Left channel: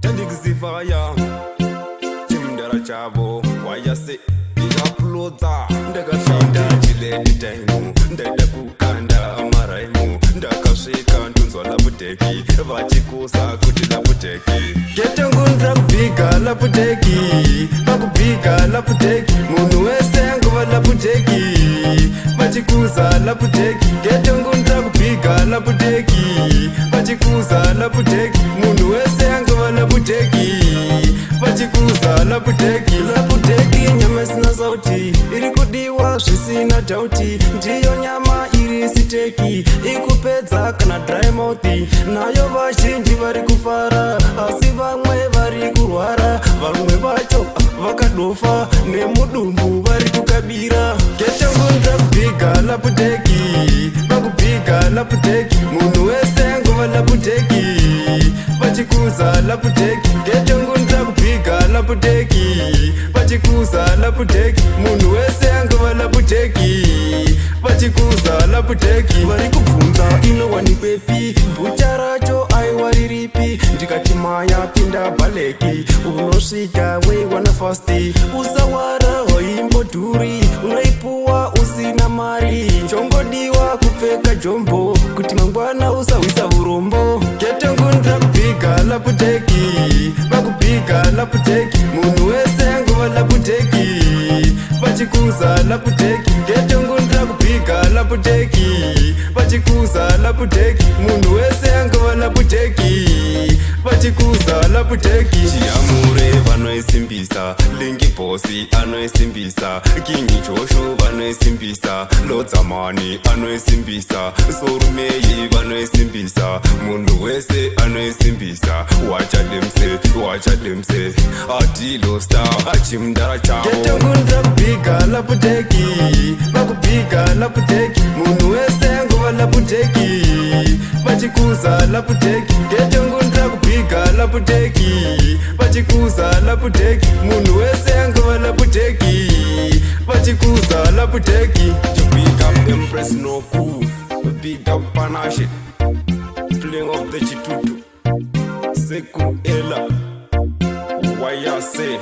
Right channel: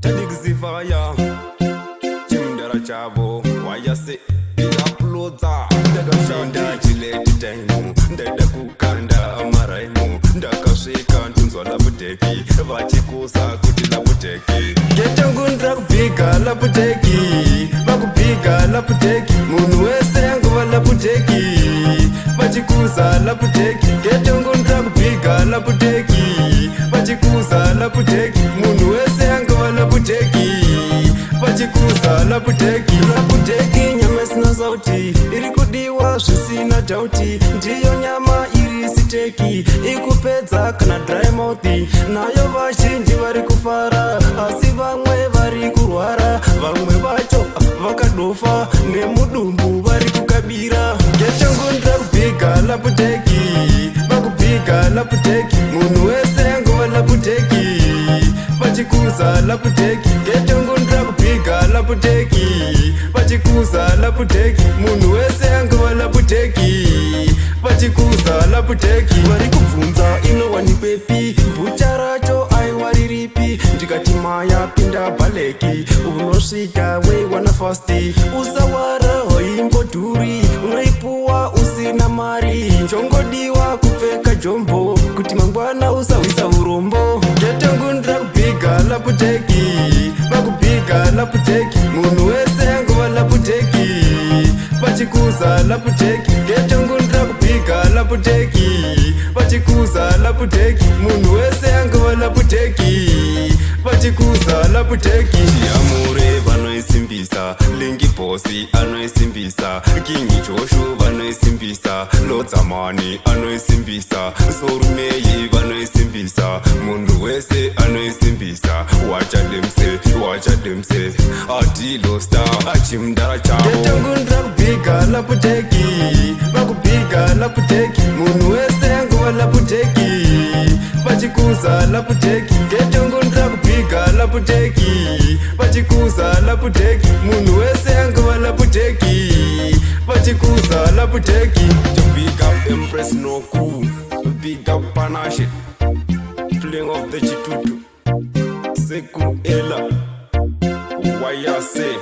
Tadigzifaya Chimdara chavo Wayase Big uploader Ndakashinda chiledi time Ndaida kukanda amaraimu Ndakasvika ntunzwa laputeki Vachikusa kuti laputeki Getangundra kubiga laputeki Vakubiga laputeki Munhu wese angova laputeki Vachikusa laputeki Getangundra kubiga laputeki Vachikusa laputeki Munhu wese angova laputeki Vachikusa laputeki Laputeki nyama sina sauti Iri kudiwa zvisina dauti Ndiyo nyama iri siteki Ikupedza kana dry mouth Nayo vazhinji vari kufara Asi vamwe vari kurwara Vamwe vacho vakadofa Nemudumbu vari kukabira Getangundra kubiga laputeki Vakubiga laputeki Munhu wese angova laputeki Vachikusa laputeki Getangundra kubiga laputeki Vachikusa laputeki Munhu wese angova laputeki Vachikusa laputeki Vari kubvunza inowanikwepi Bhucha racho aiwariripi Ndikati maya pinda baleki Unosvika weiwana fasti Usawara hoimbodhuri Unoipuwa usina mari Chongodiwa kupfeka jombo Kuti mangwana usawisa urombo Getangundra kubiga laputeki Vakubiga laputeki Munhu wese angova laputeki Vachikusa laputeki Getangundra kubiga laputeki Vachikusa laputeki Munhu wese angova laputeki Vachikusa laputeki Chiamure vanoisimbisa Lingi Bosi anoisimbisa Kingi Joshu vanoisimbisa Lodzamani anoisimbisa Sorumei vanoisimbisa Munhu wese anoisimbisa Wachademse Adilo star Achimdara chavo Getangundra kubiga laputeki Vakubiga laputeki Munhu wese angova laputeki Vachikusa laputeki Getangundra kubiga laputeki Vachikusa laputeki Munhu wese angova laputeki Vachikusa laputeki To big up Empress Noku Big up Panache Playing of the Chitutu Seku Ela Wayase